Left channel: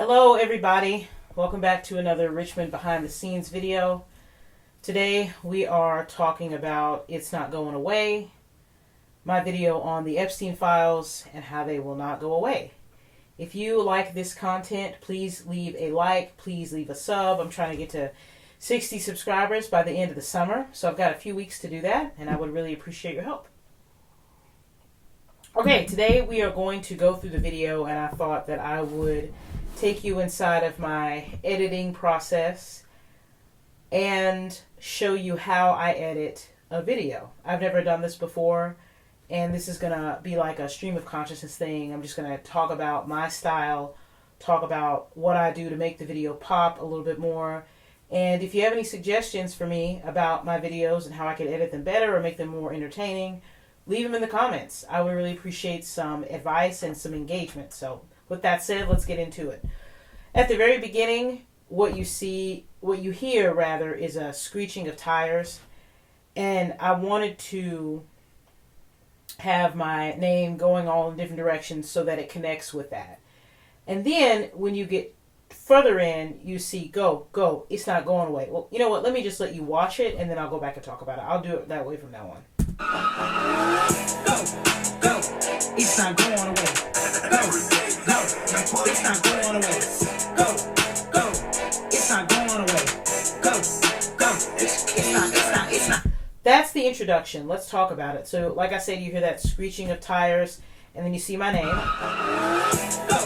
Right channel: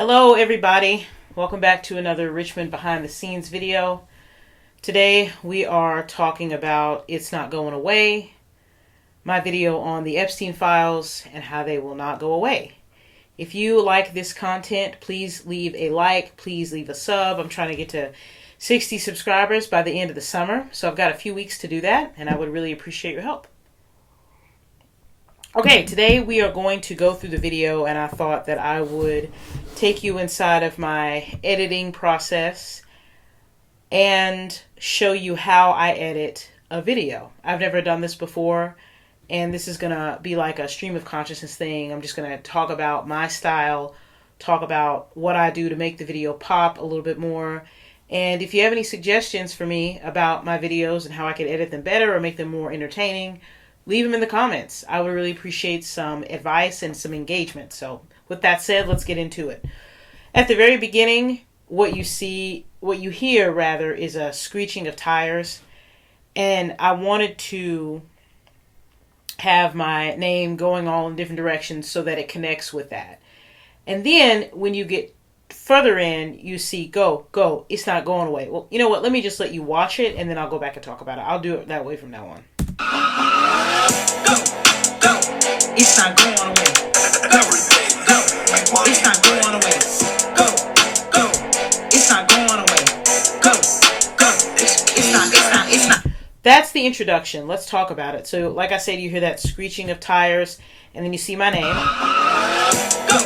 Hello everybody, welcome back to another Richmond behind the scenes video. Today we are talking about It's Not Going Away, my video on the Epstein files and how they will not go away. If you like this content, please leave a like, please leave a sub. I'm trying to get to 60 subscribers by the end of the summer, so I've got a few weeks to do that and I would really appreciate your help. Okay, today we are going to go through the video, and I thought that I would take you inside of my editing process and show you how I edit a video. I've never done this before, and this is going to be like a stream of consciousness thing. I'm just going to talk about my style, talk about what I do to make the video pop a little bit more. And if you have any suggestions for me about my videos and how I can edit them better or make them more entertaining, leave them in the comments. I would really appreciate some advice and some engagement. So with that said, let's get into it. At the very beginning, what you hear rather, is a screeching of tires. And I wanted to have my name going all in different directions so that it connects with that. And then when you get further in, you see go, go, it's not going away. Well, you know what? Let me just let you watch it and then I'll go back and talk about it. I'll do it that way from now on. Go, go, it's not going away. Go, go, it's not going away. Go, go, it's not going away. Go, go, it's not. That's the introduction. Let's talk about it. So, like I said, you hear that screeching of tires, and then you see my name. Go,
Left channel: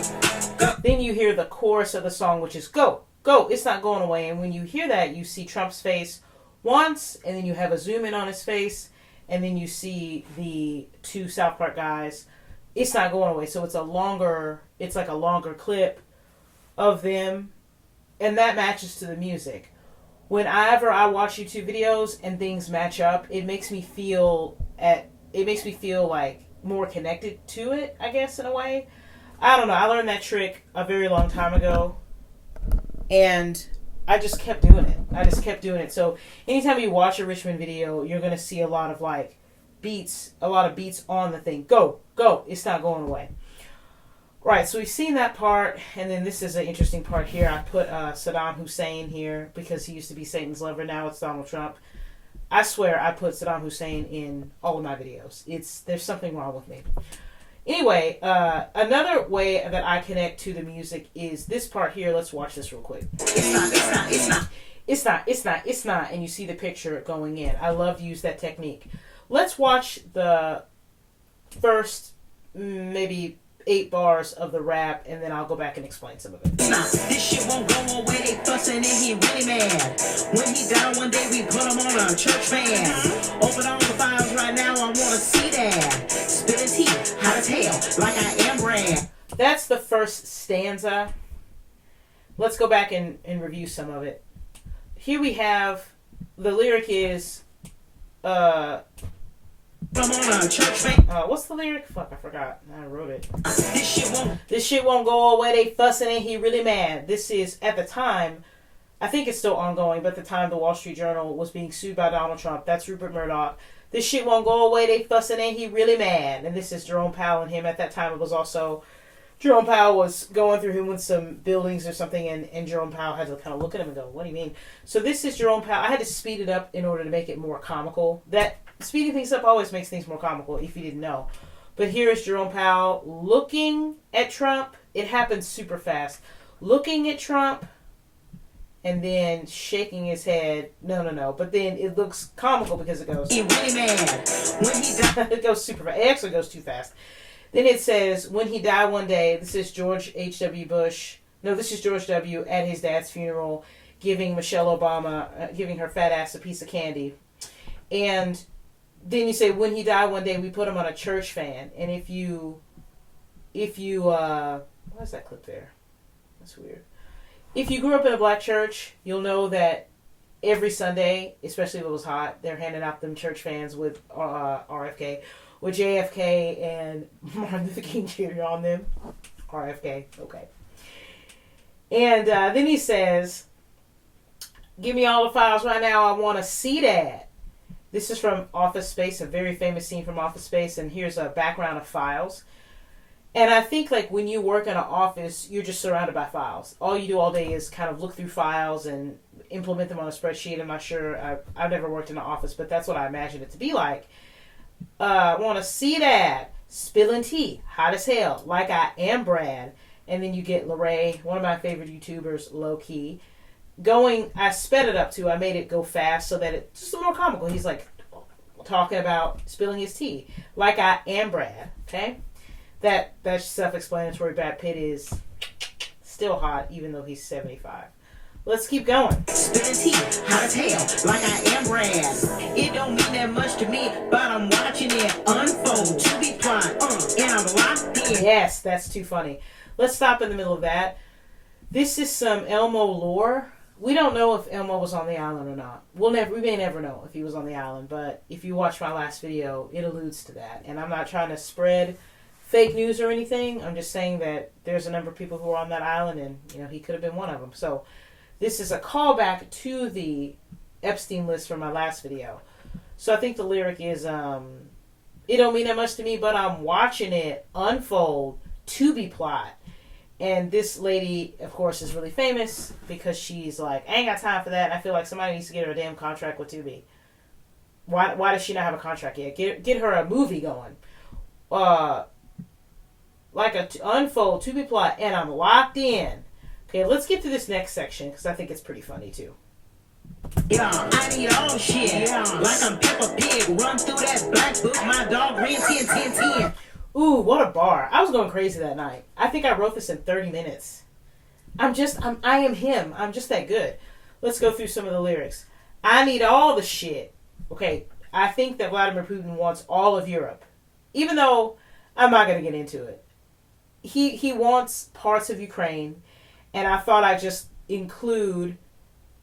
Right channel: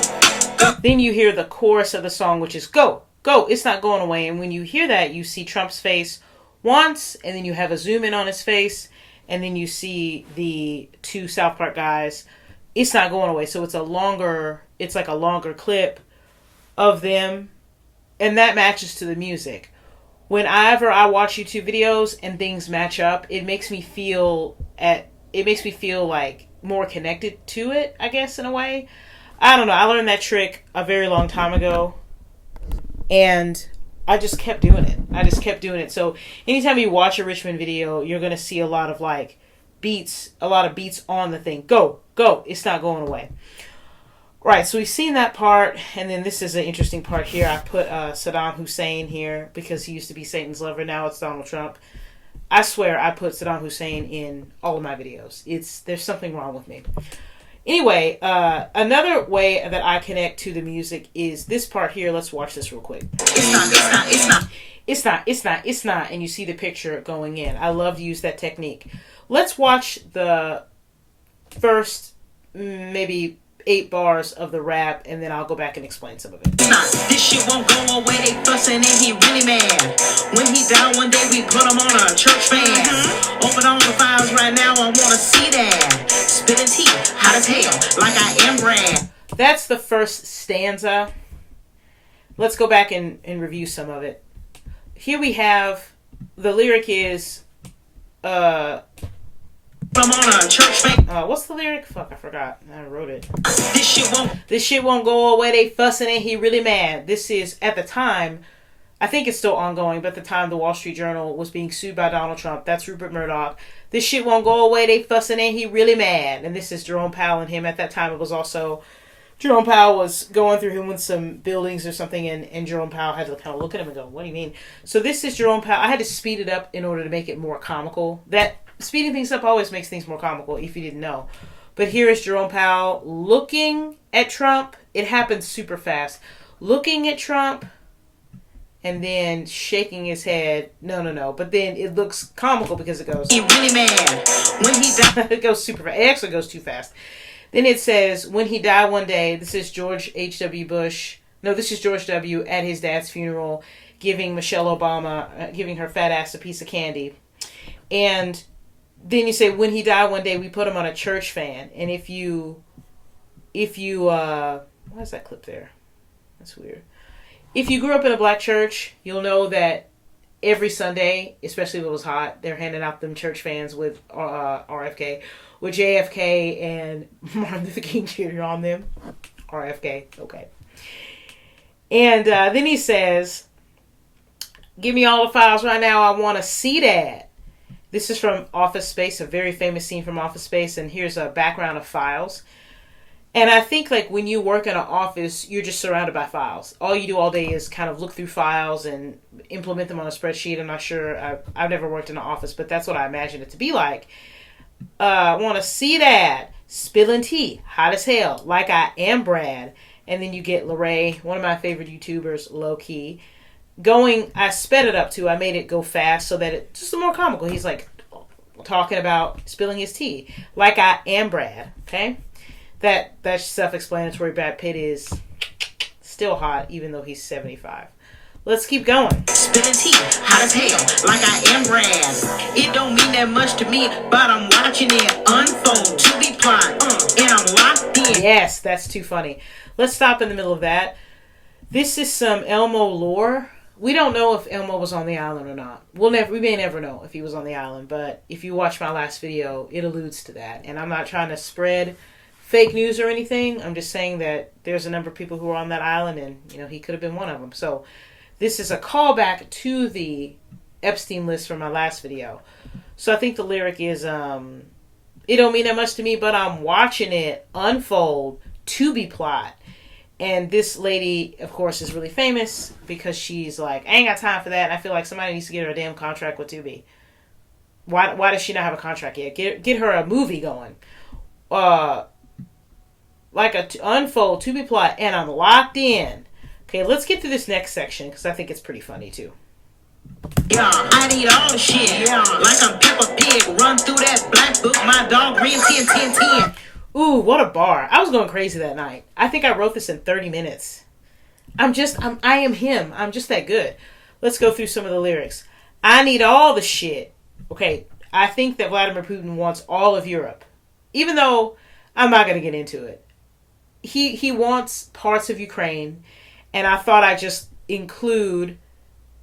go. Then you hear the chorus of the song, which is go, go, it's not going away. And when you hear that, you see Trump's face once, and then you have a zoom in on his face. And then you see the two South Park guys. It's not going away. So it's like a longer clip of them. And that matches to the music. Whenever I watch YouTube videos and things match up, it makes me feel like more connected to it, I guess, in a way. I don't know. I learned that trick a very long time ago. And I just kept doing it. So anytime you watch a Richmond video, you're going to see a lot of beats on the thing. Go, go, it's not going away. Right, so we've seen that part, and then this is an interesting part here. I put Saddam Hussein here because he used to be Satan's lover. Now it's Donald Trump. I swear I put Saddam Hussein in all of my videos. There's something wrong with me. Anyway, another way that I connect to the music is this part here. Let's watch this real quick. It's not. And you see the picture going in. I love to use that technique. Let's watch the first maybe 8 bars of the rap, and then I'll go back and explain some of it. This shit won't go away, they fussing and he really mad. When he died one day, we put him on a church van. Open on the files right now, I wanna see that. Spilling tea, hot as hell, like I am Brad. That's the first stanza. Let's go back and review some of it. Here we have, the lyric is, I'm on a church van. What's the lyric? Fuck, I forgot. I wrote it. This shit won't go away, they fussing and he really mad. This is, at the time, I think it's still ongoing, but at the time the Wall Street Journal was being sued by Donald Trump. That's Rupert Murdoch. This shit won't go away, they fussing and he really mad. And this is Jerome Powell and him. At that time it was also, Jerome Powell was going through him with some buildings or something, and Jerome Powell had to kind of look at him and go, what do you mean? So this is Jerome Powell. I had to speed it up in order to make it more comical. That speeding things up always makes things more comical, if you didn't know. But here is Jerome Powell looking at Trump. It happens super fast. Looking at Trump and then shaking his head. No. But then it looks comical because it goes, he really mad. When he died. It goes super fast. It actually goes too fast. Then it says, when he died one day, this is George H.W. Bush. No, this is George W. at his dad's funeral, giving Michelle Obama, giving her fat ass a piece of candy. And then you say, when he died one day, we put him on a church van. And if you, why is that clip there? That's weird. If you grew up in a black church, you'll know that every Sunday, especially if it was hot, they're handing out them church vans with RFK, with JFK and Martin Luther King Jr. on them. RFK, okay. And then he says, give me all the files right now, I want to see that. This is from Office Space, a very famous scene from Office Space, and here's a background of files. And I think like when you work in an office, you're just surrounded by files. All you do all day is kind of look through files and implement them on a spreadsheet. I'm not sure. I've never worked in an office, but that's what I imagine it to be like. Want to see that. Spilling tea. Hot as hell. Like I am Brad. And then you get Lorray, one of my favorite YouTubers, low key. I sped it up too. I made it go fast so that it's just more comical. He's like talking about spilling his tea. Like I am Brad. Okay? That's self-explanatory. Brad Pitt is still hot, even though he's 75. Let's keep going. Spilling tea, hot as hell, like I am Brad. It don't mean that much to me, but I'm watching it unfold to be plot, and I'm locked in. Yes, that's too funny. Let's stop in the middle of that. This is some Elmo lore. We don't know if Elmo was on the island or not. We may never know if he was on the island, but if you watch my last video, it alludes to that. And I'm not trying to spread fake news or anything. I'm just saying that there's a number of people who are on that island, and he could have been one of them. So this is a callback to the Epstein list from my last video. So I think the lyric is, it don't mean that much to me, but I'm watching it unfold to be plot. And this lady, of course, is really famous because she's like, I ain't got time for that. And I feel like somebody needs to get her a damn contract with Tubi. Why does she not have a contract yet? Get her a movie going. Like unfold to be plot, and I'm locked in. Okay, let's get to this next section because I think it's pretty funny too. Yeah, I need all the shit. Yeah, like I'm Peppa Pig. Run through that black book, my dog green 10. Ooh, what a bar. I was going crazy that night. I think I wrote this in 30 minutes. I am him. I'm just that good. Let's go through some of the lyrics. I need all the shit. Okay, I think that Vladimir Putin wants all of Europe. Even though I'm not going to get into it. He wants parts of Ukraine, and I thought I'd just include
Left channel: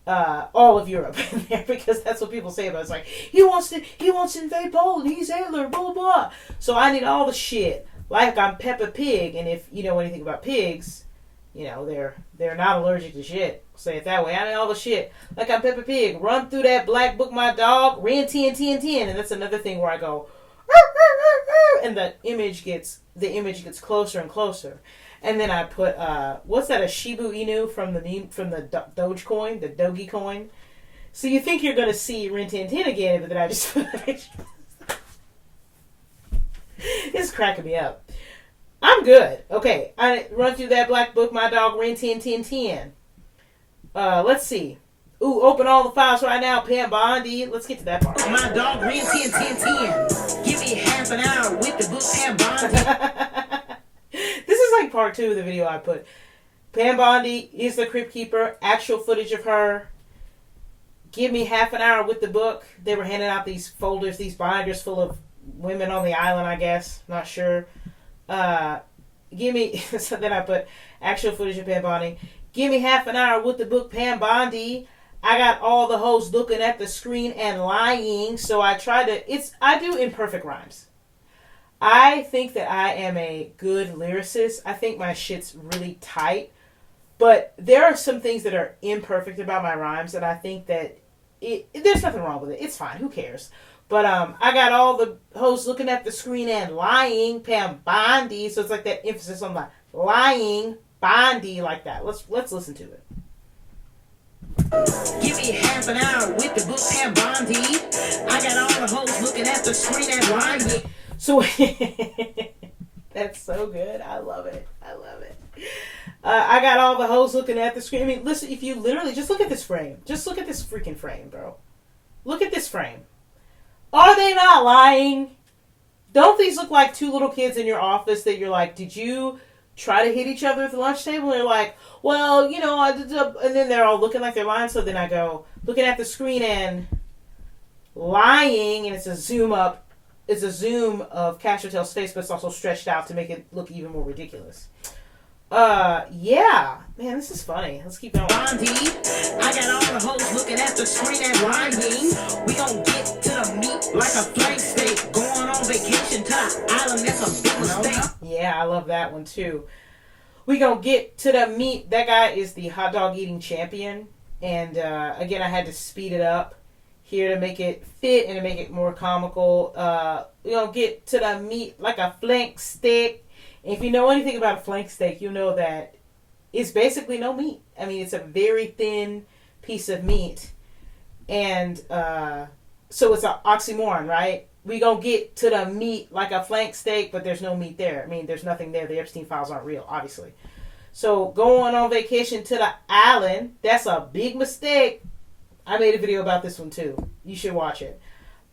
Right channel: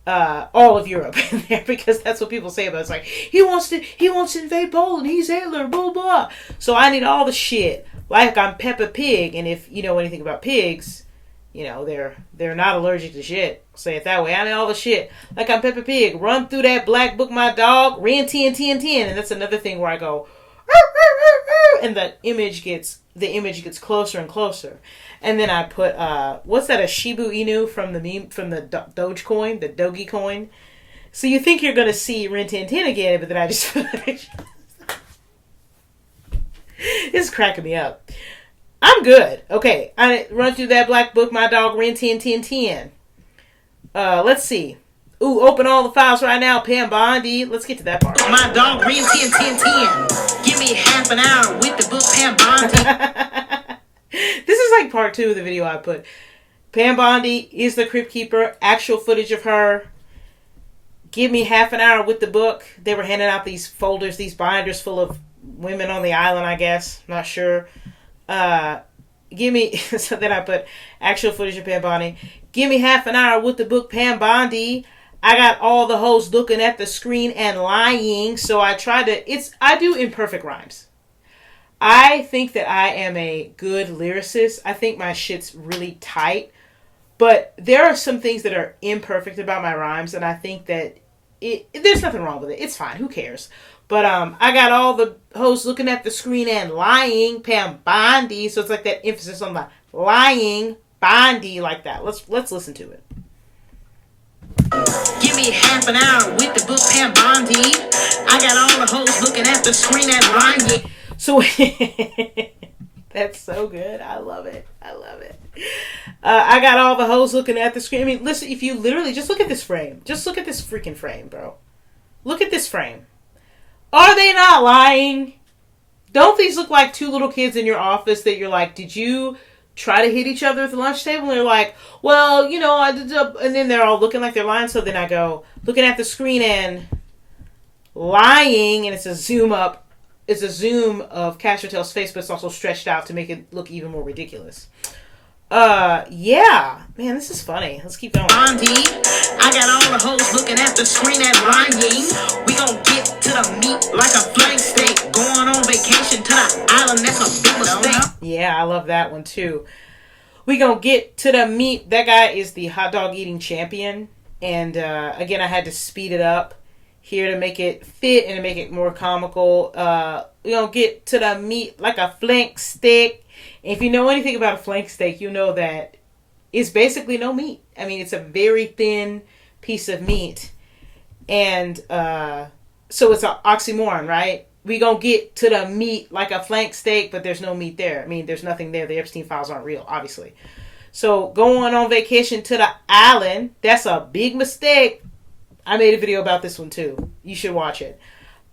all of Europe in there because that's what people say about it. It's like, he wants to invade Poland, he's Hitler, blah, blah. So I need all the shit. Like I'm Peppa Pig, and if you know anything about pigs, they're not allergic to shit. Say it that way. I need all the shit. Like I'm Peppa Pig. Run through that black book, my dog. Ran 10. And that's another thing where I go, and the image gets closer and closer. And then I put what's that, a Shibu Inu from the Dogecoin, the Doge coin. So you think you're gonna see Rin Tin Tin again, but then I just put a picture. This is cracking me up. I'm good. Okay, I run through that black book, my dog Rin Tin. Let's see. Ooh, open all the files right now, Pam Bondi. Let's get to that part. My dog Rin 10. Give me half an hour with the book, Pam Bondi. This is like part 2 of the video I put. Pam Bondi is the Crypt Keeper. Actual footage of her. Give me half an hour with the book. They were handing out these folders, these binders full of women on the island, I guess. Not sure. Give me... So then I put actual footage of Pam Bondi. Give me half an hour with the book, Pam Bondi. I got all the hoes looking at the screen and lying. So I do imperfect rhymes. I think that I am a good lyricist. I think my shit's really tight. But there are some things that are imperfect about my rhymes, and I think that there's nothing wrong with it. It's fine. Who cares? But I got all the hoes looking at the screen and lying, Pam Bondi. So it's like that emphasis on the lying, Bondi, like that. Let's listen to it. Give me half an hour with the book, Pam Bondi. I got all the hoes looking at the screen and lying. So that's so good. I love it. I got all the hoes looking at the screen. I mean, listen, if you literally just look at this frame. Just look at this freaking frame, bro. Look at this frame. Are they not lying? Don't these look like 2 little kids in your office that you're like, did you try to hit each other at the lunch table? And they're like, well, and then they're all looking like they're lying. So then I go, looking at the screen and lying, and it's a zoom up. It's a zoom of Cash Patel's face, but it's also stretched out to make it look even more ridiculous. Yeah. Man, this is funny. Let's keep going. Bondi, I got all the hoes looking at the screen and lying. We gon' get to the meat like a flank steak. Going on vacation to the island, that's a big mistake. Yeah, I love that one too. We gonna get to the meat. That guy is the hot dog eating champion. And, again, I had to speed it up here to make it fit and to make it more comical. We gonna get to the meat like a flank steak. If you know anything about a flank steak, you know that it's basically no meat. I mean, it's a very thin piece of meat. And so it's an oxymoron, right? We gonna get to the meat like a flank steak, but there's no meat there. I mean, there's nothing there. The Epstein files aren't real, obviously. So going on vacation to the island, that's a big mistake. I made a video about this one too. You should watch it.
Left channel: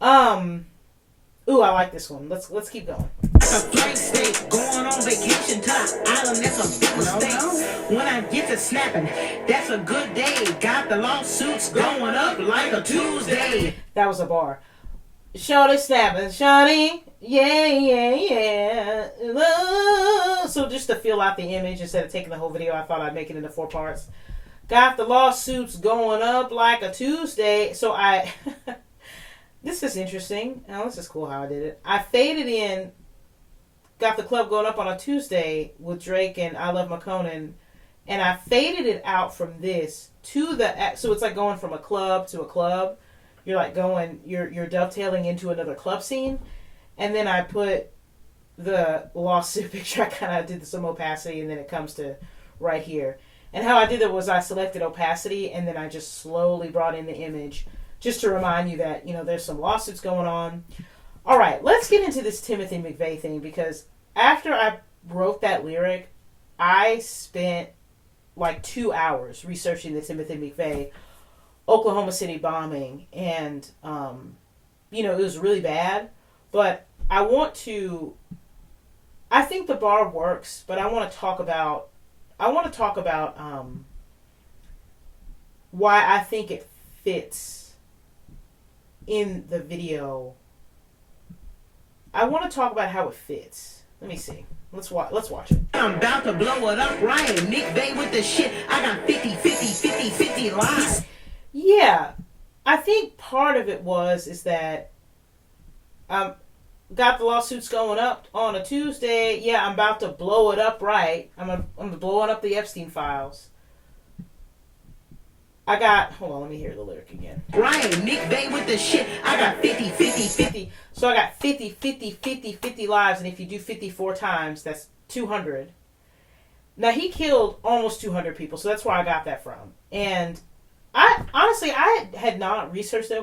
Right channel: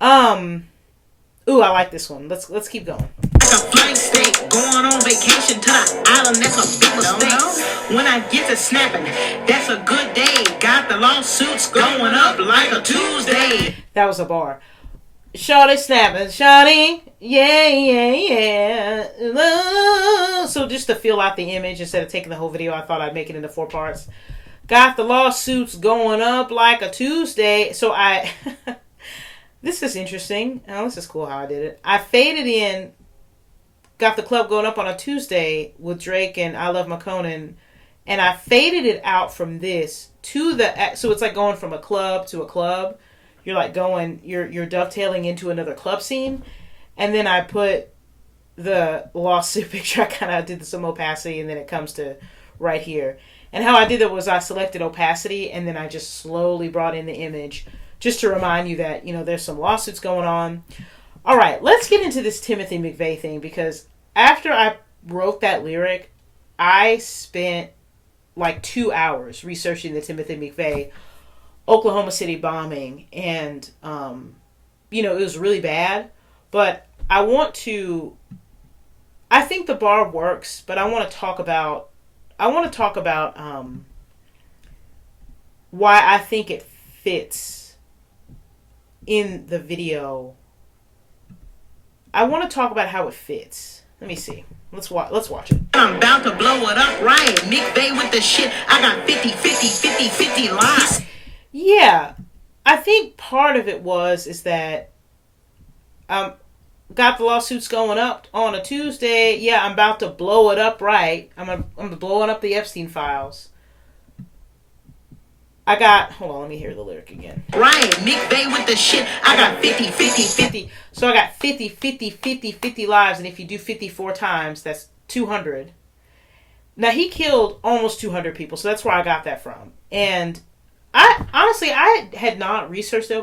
Ooh, I like this one. Let's keep going. Like a flight steak, going on vacation to the island, that's a big mistake. When I get to snapping, that's a good day. Got the lawsuits going up like a Tuesday. That was a bar. Shawty snapping, shawty, yeah. So just to fill out the image instead of taking the whole video, I thought I'd make it into 4 parts. Got the lawsuits going up like a Tuesday. So I... This is interesting. Oh, this is cool how I did it. I faded in, got the club going up on a Tuesday with Drake and I Love McConan, and I faded it out from this to the... So it's like going from a club to a club. You're like going... You're dovetailing into another club scene. And then I put the lawsuit picture. I kind of did some opacity, and then it comes to right here. And how I did it was I selected opacity, and then I just slowly brought in the image just to remind you that, you know, there's some lawsuits going on. All right, let's get into this Timothy McVeigh thing, because after I wrote that lyric, I spent like 2 hours researching the Timothy McVeigh Oklahoma City bombing, and, you know, it was really bad, but I think the bar works, but I want to talk about why I think it fits in the video. I want to talk about how it fits. Let me see. Let's watch it. I'm about to blow it up right. McVeigh with the shit. I got 50 lies. Yeah. I think part of it is that got the lawsuits going up on a Tuesday. Yeah, I'm about to blow it up right. I'm blowing up the Epstein files. Hold on, let me hear the lyric again. Right, McVeigh with the shit. I got 50. So I got 50 lives, and if you do 54 times, that's 200. Now, he killed almost 200 people, so that's where I got that from. And I had not researched the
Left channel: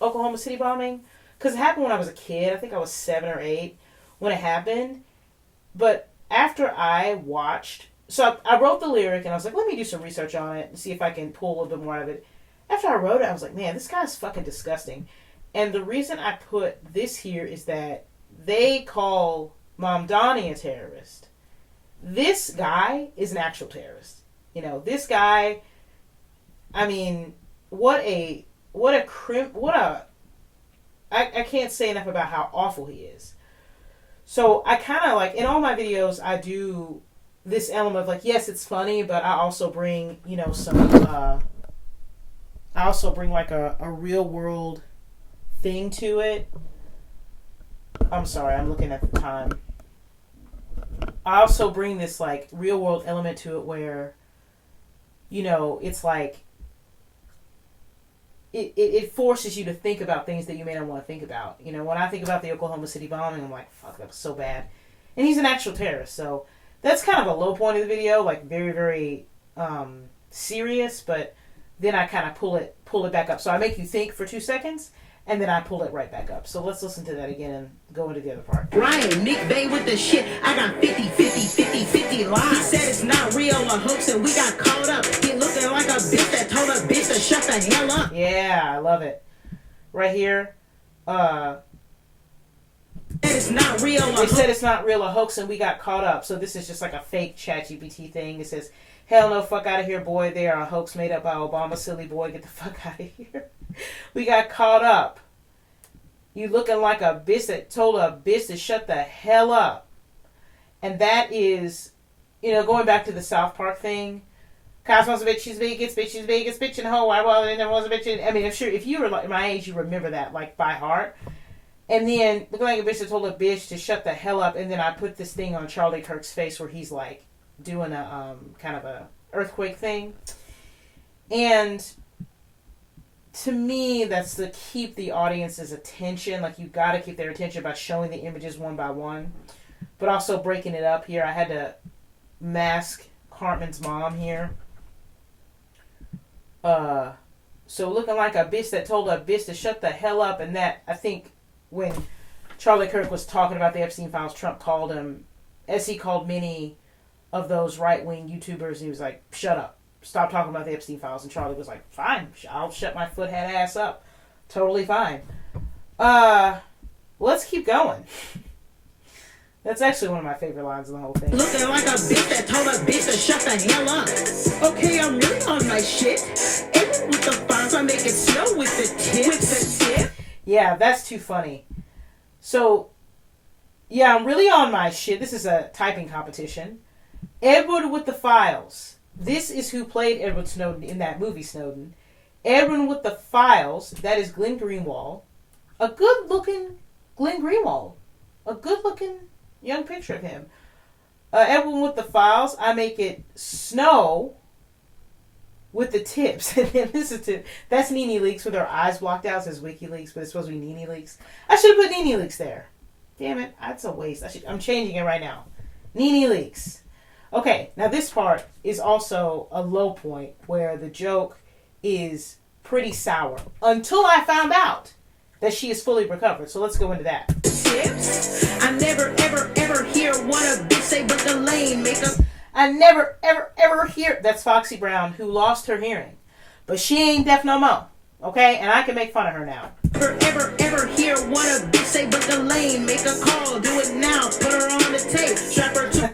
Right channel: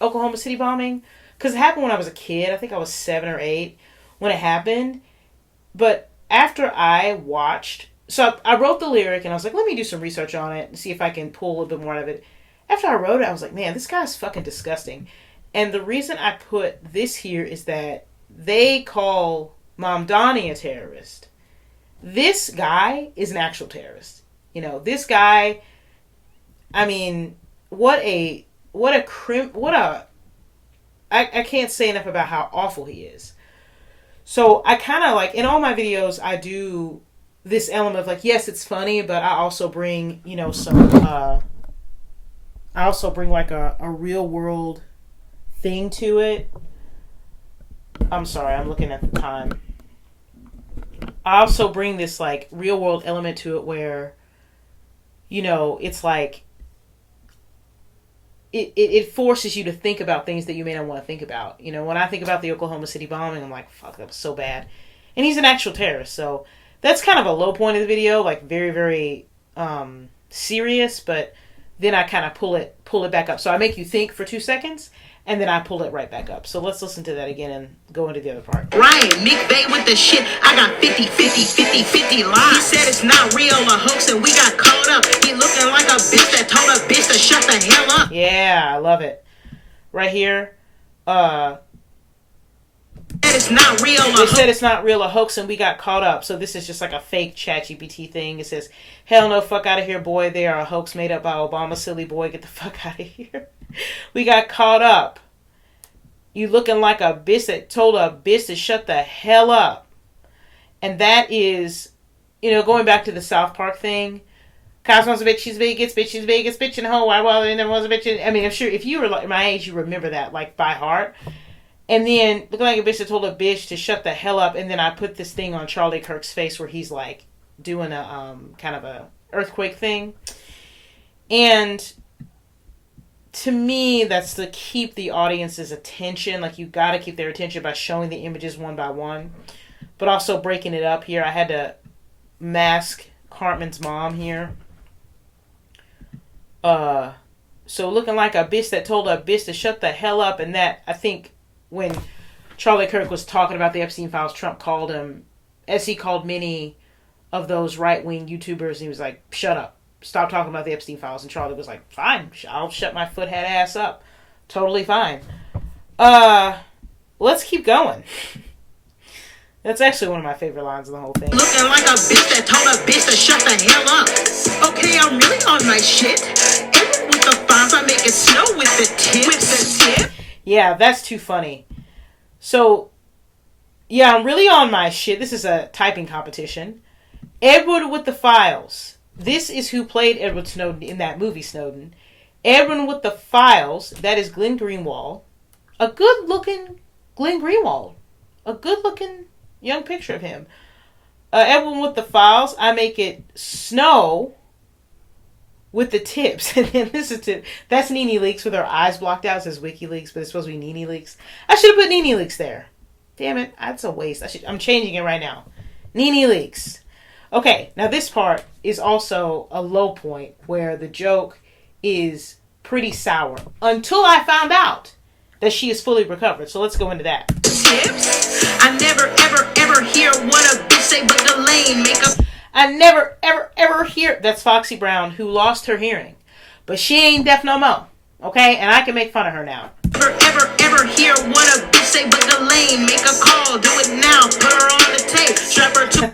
Oklahoma City bombing, because it happened when I was a kid. I think I was 7 or 8 when it happened. But after I watched... So I wrote the lyric, and I was like, let me do some research on it and see if I can pull a little bit more out of it. After I wrote it, I was like, man, this guy's fucking disgusting. And the reason I put this here is that they call Mom Donnie a terrorist. This guy is an actual terrorist. You know, this guy, I mean, I can't say enough about how awful he is. So I kind of like, in all my videos, I do this element of like, yes, it's funny, but I also bring, you know, I also bring like a real world thing to it. I'm sorry, I'm looking at the time. I also bring this like real world element to it where, you know, it's like, it forces you to think about things that you may not want to think about. You know, when I think about the Oklahoma City bombing, I'm like, fuck, that was so bad. And he's an actual terrorist, so that's kind of a low point of the video, like very, very serious, but then I kind of pull it back up. So I make you think for 2 seconds, and then I pull it right back up. So let's listen to that again and go into the other part. Ryan, McVeigh with the shit. I got 50 lies. He said it's not real, a hoax, and we got caught up. He looking like a bitch that told a bitch to shut the hell up. Yeah, I love it. Right here, it's not real. They said it's not real, a hoax, and we got caught up. So this is just like a fake ChatGPT thing. It says, hell no, fuck out of here, boy. They are a hoax made up by Obama, silly boy. Get the fuck out of here. We got caught up. You looking like a bitch that told a bitch to shut the hell up. And that is, you know, going back to the South Park thing. Cops wants a bitch, she's Vegas, bitch in a hole. Why, well, and there was a bitch in... I mean, I'm sure if you were like my age, you remember that, like, by heart. And then, looking like a bitch that told a bitch to shut the hell up. And then I put this thing on Charlie Kirk's face where he's, like, doing a, kind of a earthquake thing. And to me, that's to keep the audience's attention. Like, you gotta keep their attention by showing the images one by one. but also breaking it up here. I had to mask Cartman's mom here. So looking like a bitch that told a bitch to shut the hell up, and that, I think, when Charlie Kirk was talking about the Epstein files, Trump called him, as he called many of those right-wing YouTubers, and he was like, shut up. Stop talking about the Epstein files. And Charlie was like, fine, I'll shut my foothead ass up. Totally fine. Let's keep going. That's actually one of my favorite lines in the whole thing. Looking like a bitch that told a bitch to shut the hell up. Okay, I'm really on my shit. And with the files, I make it snow with the tips. With the tip? Yeah, that's too funny. So, yeah, I'm really on my shit. This is a typing competition. Edward with the files. This is who played Edward Snowden in that movie, Snowden. Edward with the files. That is Glenn Greenwald. A good-looking Glenn Greenwald. A good-looking young picture of him. Edward with the files. I make it snow with the tips. And then this is that's Nene Leakes with her eyes blocked out. It says WikiLeaks, but it's supposed to be Nene Leakes. I should have put Nene Leakes there. Damn it. That's a waste. I'm changing it right now. Nene Leakes. Okay, now this part is also a low point where the joke is pretty sour. Until I found out that she is fully recovered. So let's go into that. Tips? I never, ever, ever hear what a bitch say, but the lane make a... I never, ever, ever hear... That's Foxy Brown, who lost her hearing. But she ain't deaf no more. Okay? And I can make fun of her now. Never, ever, ever hear what a bitch say, but the lane make a call. Do it now. Put her on the tape. Strap her to...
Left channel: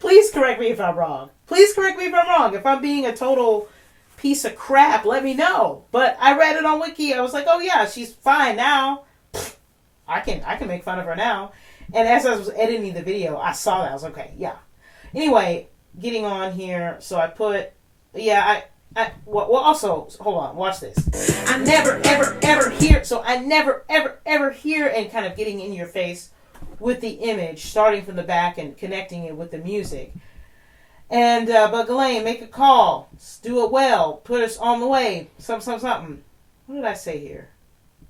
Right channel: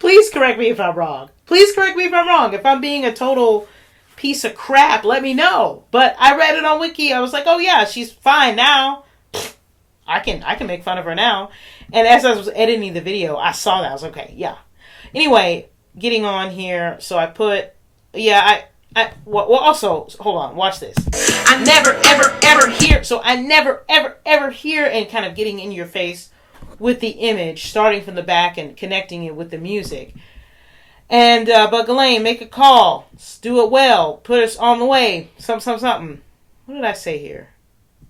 Please correct me if I'm wrong. Please correct me if I'm wrong. If I'm being a total piece of crap, let me know. But I read it on Wiki. I was like, oh yeah, she's fine now. I can make fun of her now. And as I was editing the video, I saw that. I was like, okay, yeah. Anyway, getting on here. So I put, yeah, well, also, hold on, watch this. I never, ever, ever hear... So I never, ever, ever hear, and kind of getting in your face with the image, starting from the back and connecting it with the music. And, but Ghislaine, make a call. Do it well. Put us on the way. Something. What did I say here?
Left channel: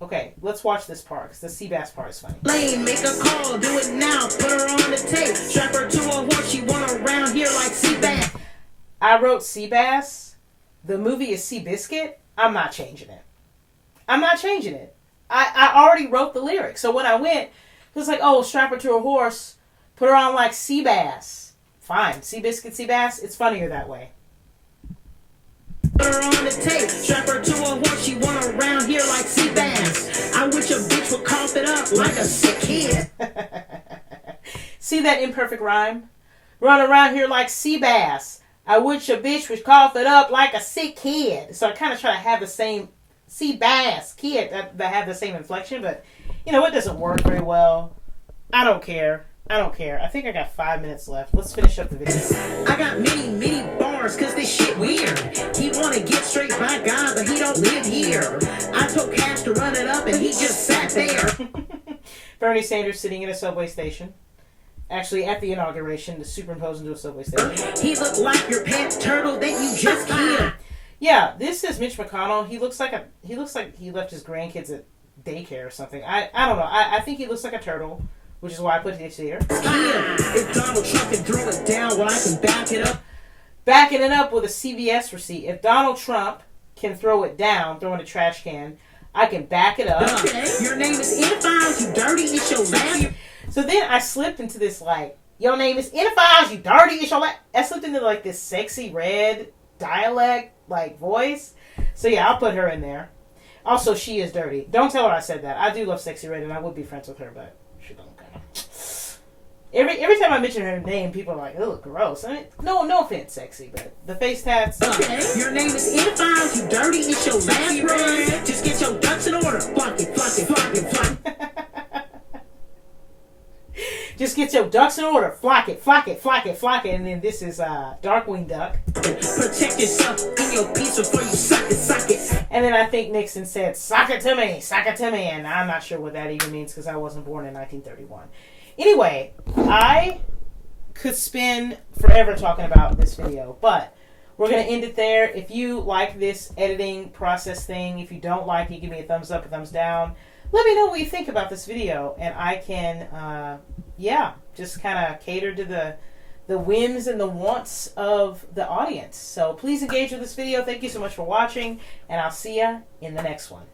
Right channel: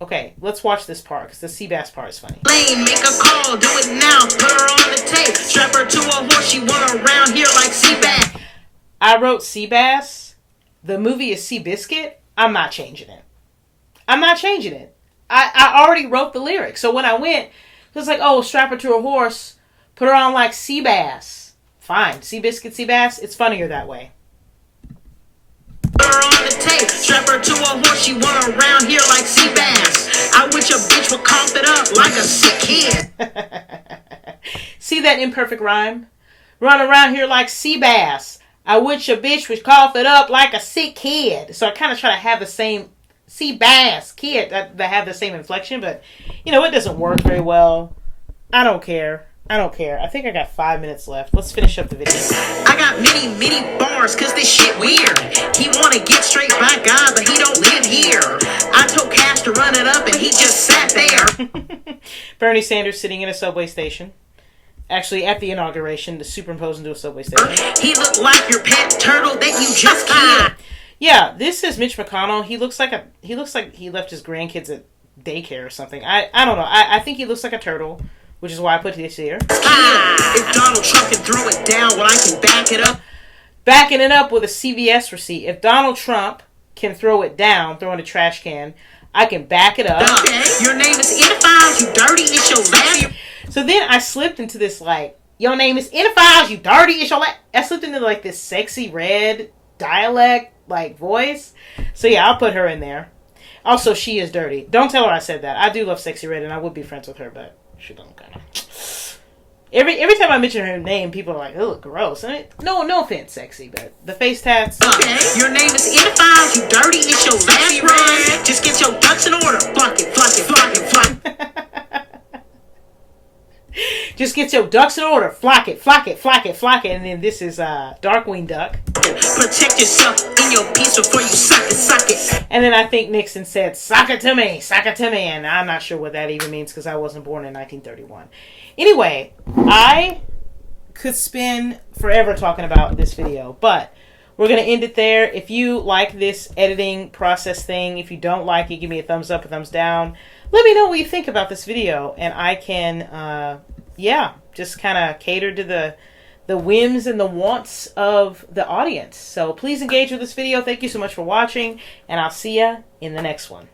Okay, let's watch this part, because the Seabass part is funny. Lane, make a call. Do it now. Put her on the tape. Strap her to a horse. She want around here like Seabass. I wrote Seabass. The movie is Seabiscuit. I'm not changing it. I already wrote the lyrics. So when I went, it was like, oh, strap her to a horse. Put her on like Seabass. Fine. Seabiscuit, Seabass. It's funnier that way. Put her on the tape. Strap her to a horse. She want around here like Seabass. I wish a bitch would cough it up like a sick kid. See that imperfect rhyme? Run around here like Seabass. I wish a bitch would cough it up like a sick kid. So I kind of try to have the same Seabass kid that have the same inflection, but you know, it doesn't work very well. I don't care. I think I got 5 minutes left. Let's finish up the video. I got many bars cause this shit weird. He wanna get straight by God, but he don't live here. I told Cash to run it up and he just sat there. Bernie Sanders sitting in a subway station. Actually, at the inauguration, to superimpose into a subway station. He looked like your pet turtle that you just killed. Yeah, this is Mitch McConnell. He looks like he left his grandkids at daycare or something. I don't know. I think he looks like a turtle, which is why I put this here. If Donald Trump can throw it down, well, I can back it up. Backing it up with a CVS receipt. If Donald Trump can throw it down, throw in a trash can, I can back it up. Okay. Your name is in the files, you dirty, it's your last. So then I slipped into this, like, your name is in the files, you dirty, it's your last. I slipped into, like, this sexy red dialect, like, voice. So yeah, I'll put her in there. Also, she is dirty. Don't tell her I said that. I do love Sexy Red, and I would be friends with her, but she don't kind of. Every time I mention her name, people are like, "Oh, gross." I mean, no offense, Sexy, but the face tats. Okay. Your name is in the files, you dirty, it's your last run. Just get your ducks in order. Flock it. Just get your ducks in order. Flock it. And then this is Darkwing Duck. Protect yourself in your piece before you suck it. And then I think Nixon said, "Sock it to me." And I'm not sure what that even means because I wasn't born in 1931. Anyway, I could spend forever talking about this video, but we're going to end it there. If you like this editing process thing, if you don't like it, give me a thumbs up, a thumbs down. let me know what you think about this video, and I can, yeah, just kind of cater to the whims and the wants of the audience. So please engage with this video. Thank you so much for watching, and I'll see ya in the next one.